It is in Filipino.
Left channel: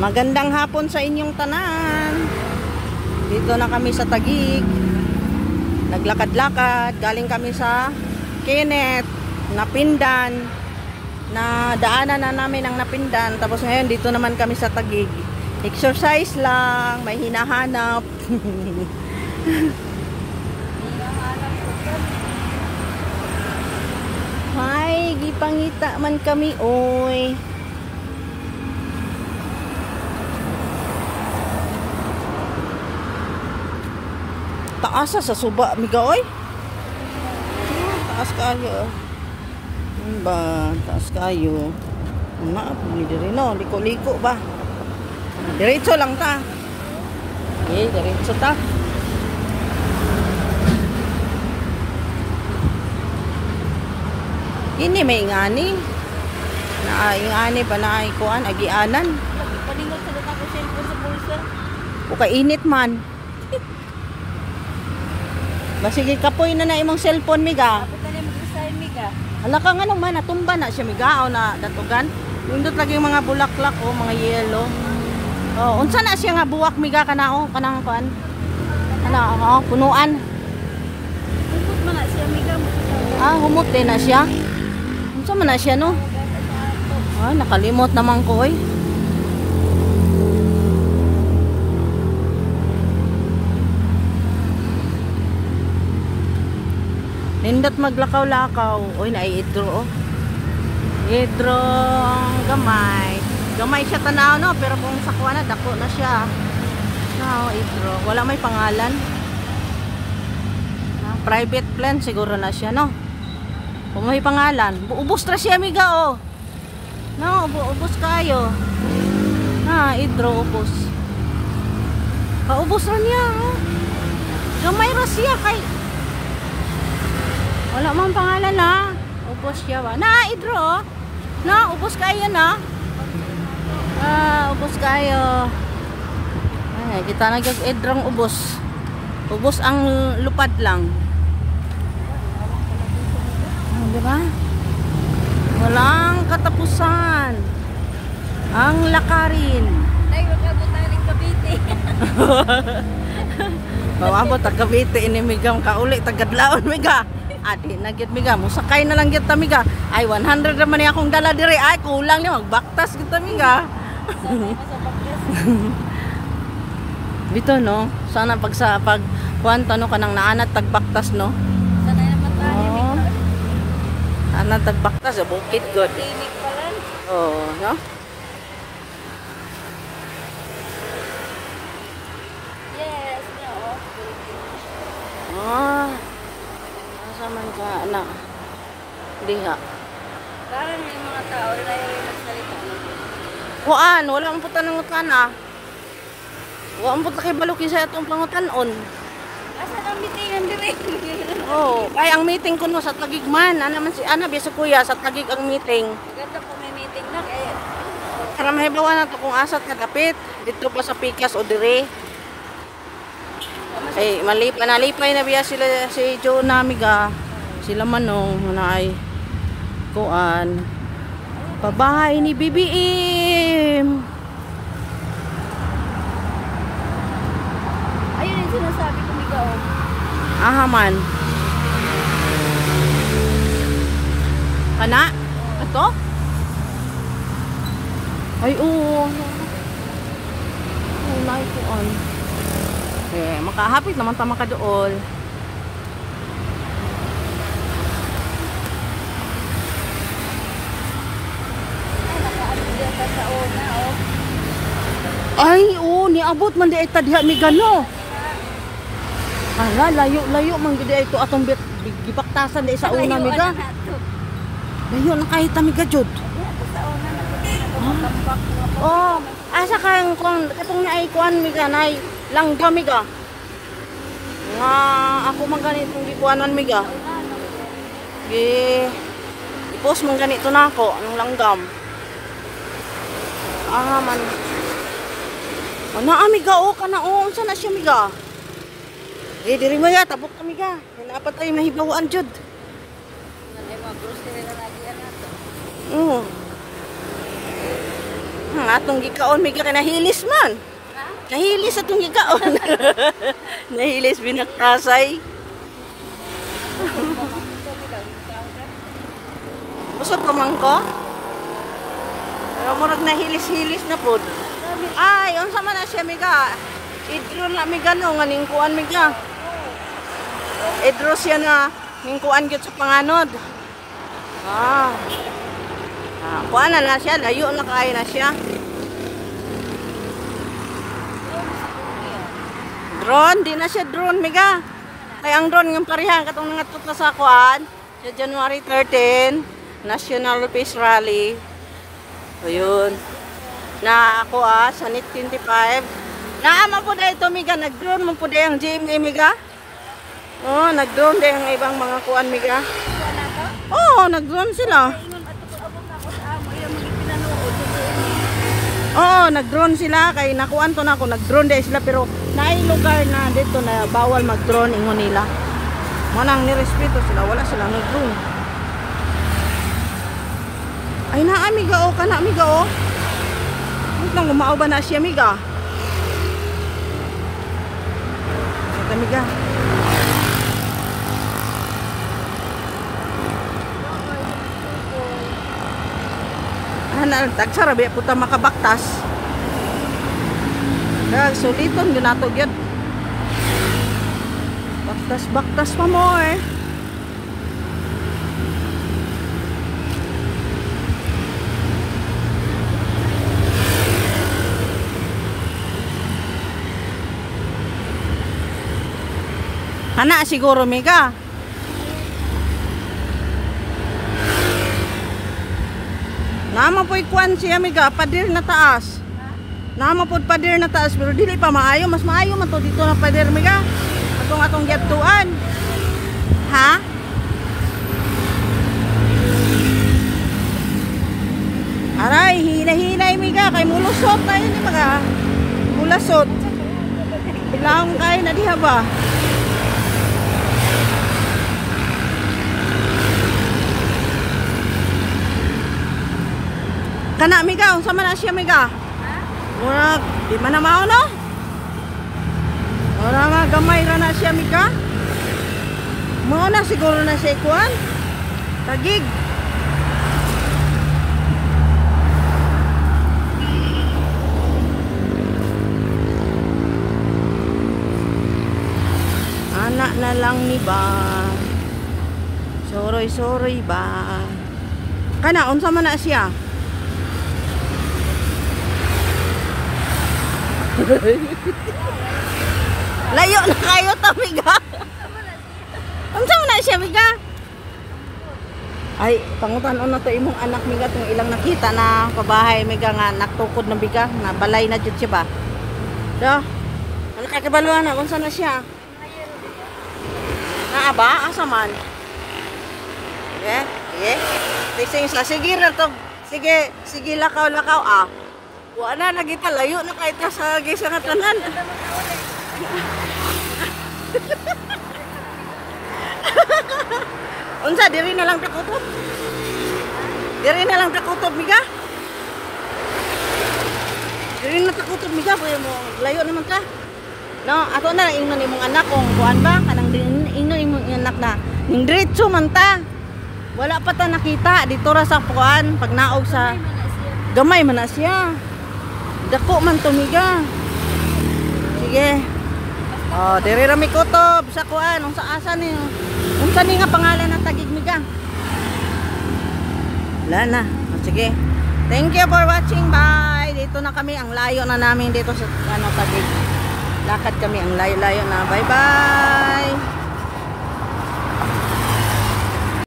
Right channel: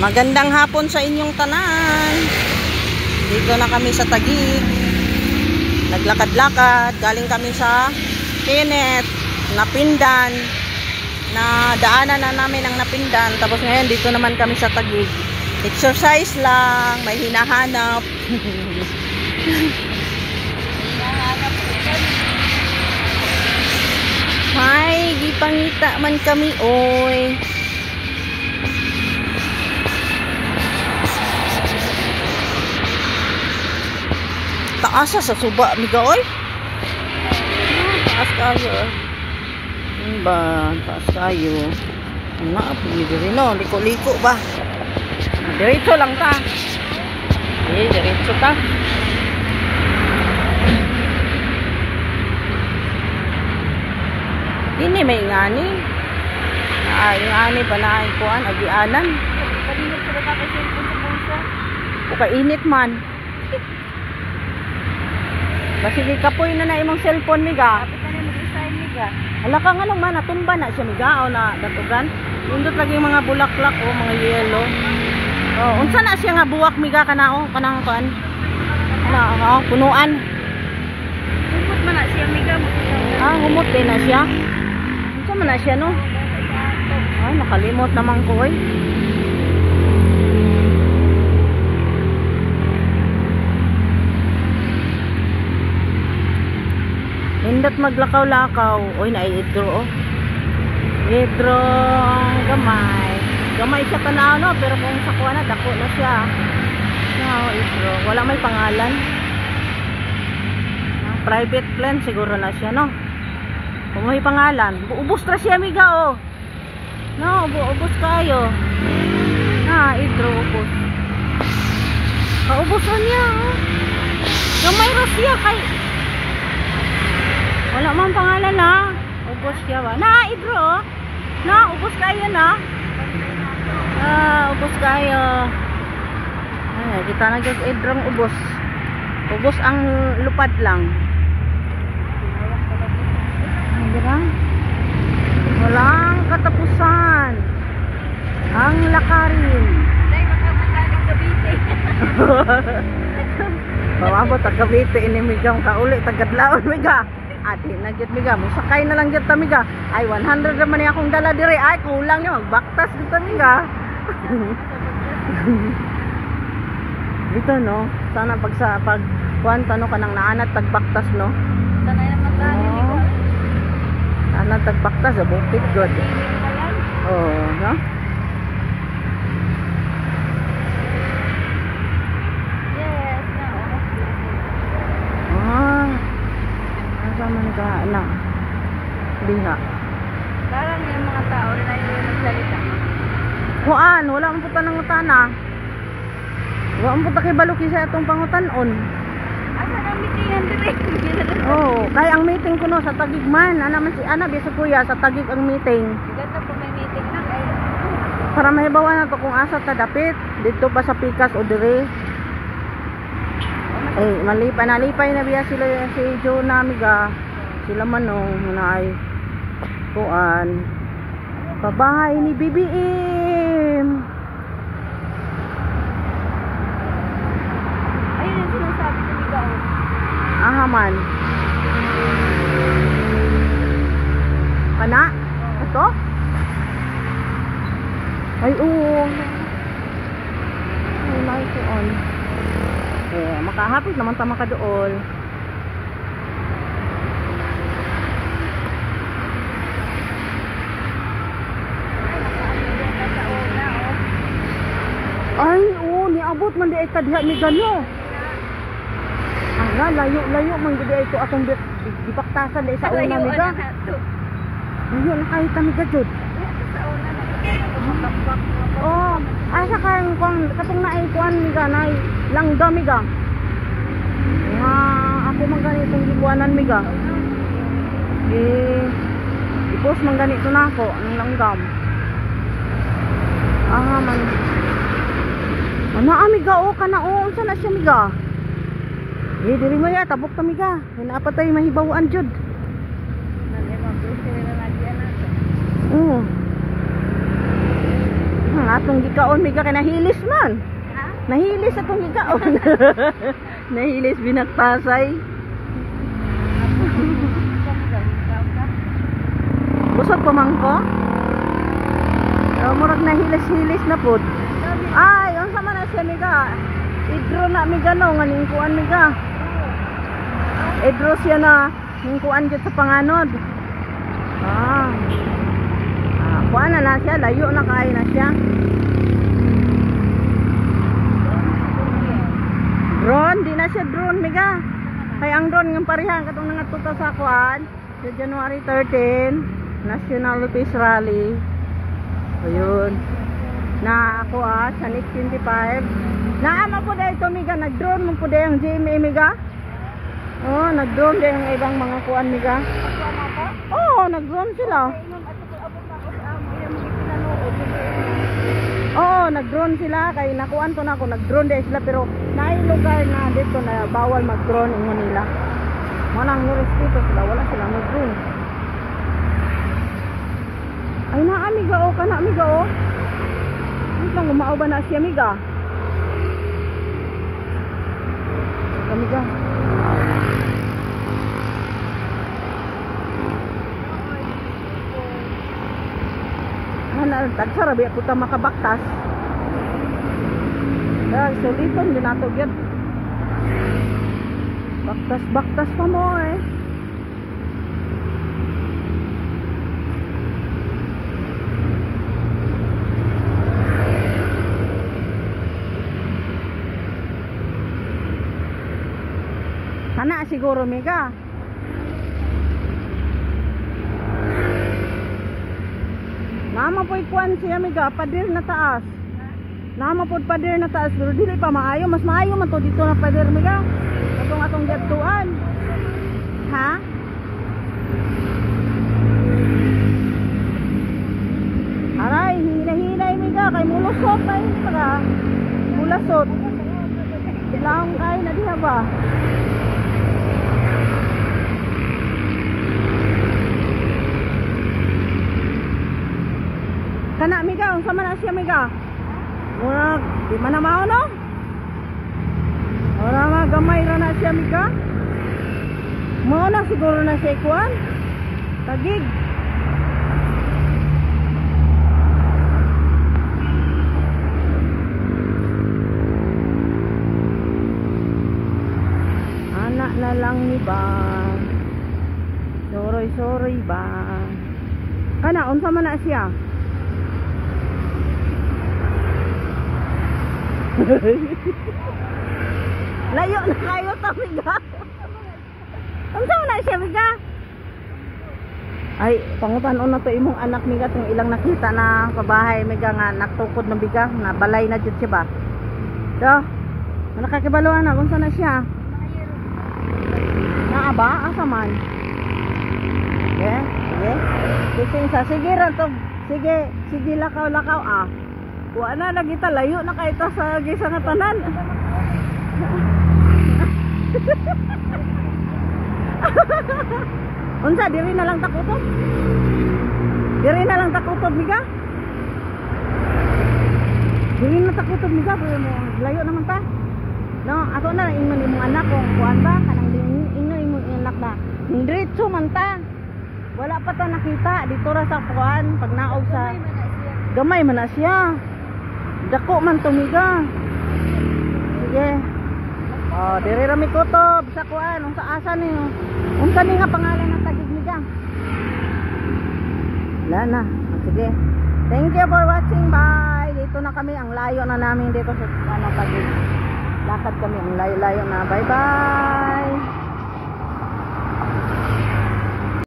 Magandang hapon sa inyong tanan. Dito na kami sa Taguig. Naglakad-lakad. Galing kami sa Kenneth, Napindan. Na daanan na namin ang Napindan. Tapos ngayon dito naman kami sa Taguig. Exercise lang. May hinahanap. Hi, gipangita man kami oy. Taasa sa suba miga oy. Taas kayo. Ba, taas kayo. Na pili diri no, liko-liko ba. Diretso lang ta. Diretso ta. Ini may ngani. Ngani pa na ikuan agianan. Palinit sila ka kasi sa bulsa. O kainit man. Kasi kapoy na imong cellphone miga. Dapat na mo design miga. Hala ka nga naman natumba na siya miga o na datugan. Indot lagi yung mga bulaklak o mga yellow. Oh, unsa na siya nga buwak miga kana o kanang kuan. Ano, punuan. Humot man na siya miga mo. Humot din na siya. Unsa man na siya no? Ay, nakalimot naman ko oy. Nindot maglakaw-lakaw. Oy, nai-idro oh. Idro gamay. Gamay siya tanaw no, pero kung sa kuha na dako na siya. No, idro. Wala may pangalan. Private plan siguro na siya no. Kung may pangalan, ubos na siya miga oh. No, ubos kayo. Na, idro ubos. Kaubos na niya oh. Gamay ra siya kay wala man pangalan na. Ubos siya ba? Na, idro. Na, ubos kayo na. Ubos kayo. Ay, kita nagas idrong ubos. Ubos ang lupad lang. Ay, diba? Walang katapusan. Ang lakarin. Nay, wag ka punta ng Cavite. Mawabot ang Cavite inimigam ka uli tagadlaon miga. Adi na gid miga, musakay na lang gid ta miga. Ay 100 naman akong dala dire. Ay kulang ni magbaktas gid ta miga. Dito no, sana pag kuanta no kanang naanat tagbaktas no. Sana naman tayo. Anat tagbaktas sa bukid good. Timing pa lang. Oh, no? Yes, no. Asa man ka na? Diha. Parang may mga tao na nagsalita. Kuan, wala man puta ng utana. Wala man puta kay baluki sa itong pangutanon. Asan ang meetingan dire? Oh, kay ang meeting ko no sa Taguig man. Ana man si Ana biya sa kuya sa Taguig ang meeting. Ganda po may meeting na kaya. Para mahibawan na to kung asa ta dapit dito pa sa Pikas o dire. Eh, nalipay na biya sila si Jonah miga. Sila manong na ay kuan. Pabahay ni BBM. Ayun yung sinasabi ko miga. Man. Kana? Ito? Ay, oo. Ay, naikuan. Makahapit naman tama ka doon. Ay, oo, niabot man di ay tadya mi gano. Ala, layo man gud ay ito atong gibaktasan di sa una mi ga. Layo na kahit mi ga jud. Oh, asa kang katong naay kuan mi ga nay langgam mi ga. Ako man ganitong gikuanan mi ga. I-post man ganito na ako ang langgam. Man. Ano amiga o kana o unsa na siya miga? Diri mo ya tabok ta miga. Naapa tay mahibawaan jud. atong gikaon miga kay nahilis man. Ha? Nahilis atong gikaon. Nahilis binaktasay. Busog ko man ko. Pero murag nahilis-hilis na pod. Ay, unsa man na siya miga. Idro na miga no nganing kuan miga. Idro siya na ning kuan gyud sa panganod. Ah. Kuan na siya, layo na kaayo na siya. Drone, di na siya drone miga. Kay ang drone ng pareha katong nangatuta sa kuan sa January 13, National Peace Rally. So yun. Na ako sa NIT 25. Naama po dahil ito miga, nag-drone mo po dahil ang GMA miga. Oh, nag-drone dahil ang ibang mga kuan miga. Oh, nag-drone sila. Oo, nag-drone sila kay nakuan ko na ako, nag-drone dahil sila pero naay lugar na dito na bawal mag-drone ingon nila. Manang nirespeto sila, wala sila mag-drone. Ay na amiga o, kana amiga o. Nang umao ba na siya amiga? Ito amiga. Tagsarabi puta makabaktas. Dag suliton din nato gyud. Baktas pa mo eh. Ana siguro miga. Nama po ikuan siya miga, pader na taas. Nama po pader na taas pero dili pa maayo, mas maayo man to dito na pader miga. Atong gyatuan. Ha? Aray, hinay miga kay mulusot na yun miga. Mulasot. Lang kay na diha ba? Kana miga, unsa man na siya miga? Ha? Murag, di man na mao no? Ora nga gamay ra na siya miga. Mao na siguro na siya ikuan. Tagig. Anak na lang ni ba? Soroy ba? Kana unsa man na siya? Layo na kayo to miga. Unsa man na siya miga? Ay pangutan-on na to imong anak miga tong ilang nakita na kabahay miga nga naktukod na biga na balay na jud siya ba. Do. Nakakabaluan na unsa na siya? Naa ba asa man? Sige ra to. Sige lakaw ah. Wa na lagi ta layo na kay ta sa gisa nga tanan. Unsa diri na lang takutob? Diri na lang takutob miga? Diri na takutob miga kay mo layo naman ta. No, ato na ingnon imong anak kung kuan ba kanang ingnon imong anak na ning diretso man ta. Wala pa ta nakita dito ra sa kuan pag naog sa gamay man na siya. Dako man to miga. Sige. Oh, diri ra mi kutob sa kuan unsa asa ni. Unsa ni nga pangalan ng tagig miga? Wala na. Sige. Thank you for watching. Bye. Dito na kami ang layo na namin dito sa tagig. Lakad kami ang layo-layo na. Bye-bye.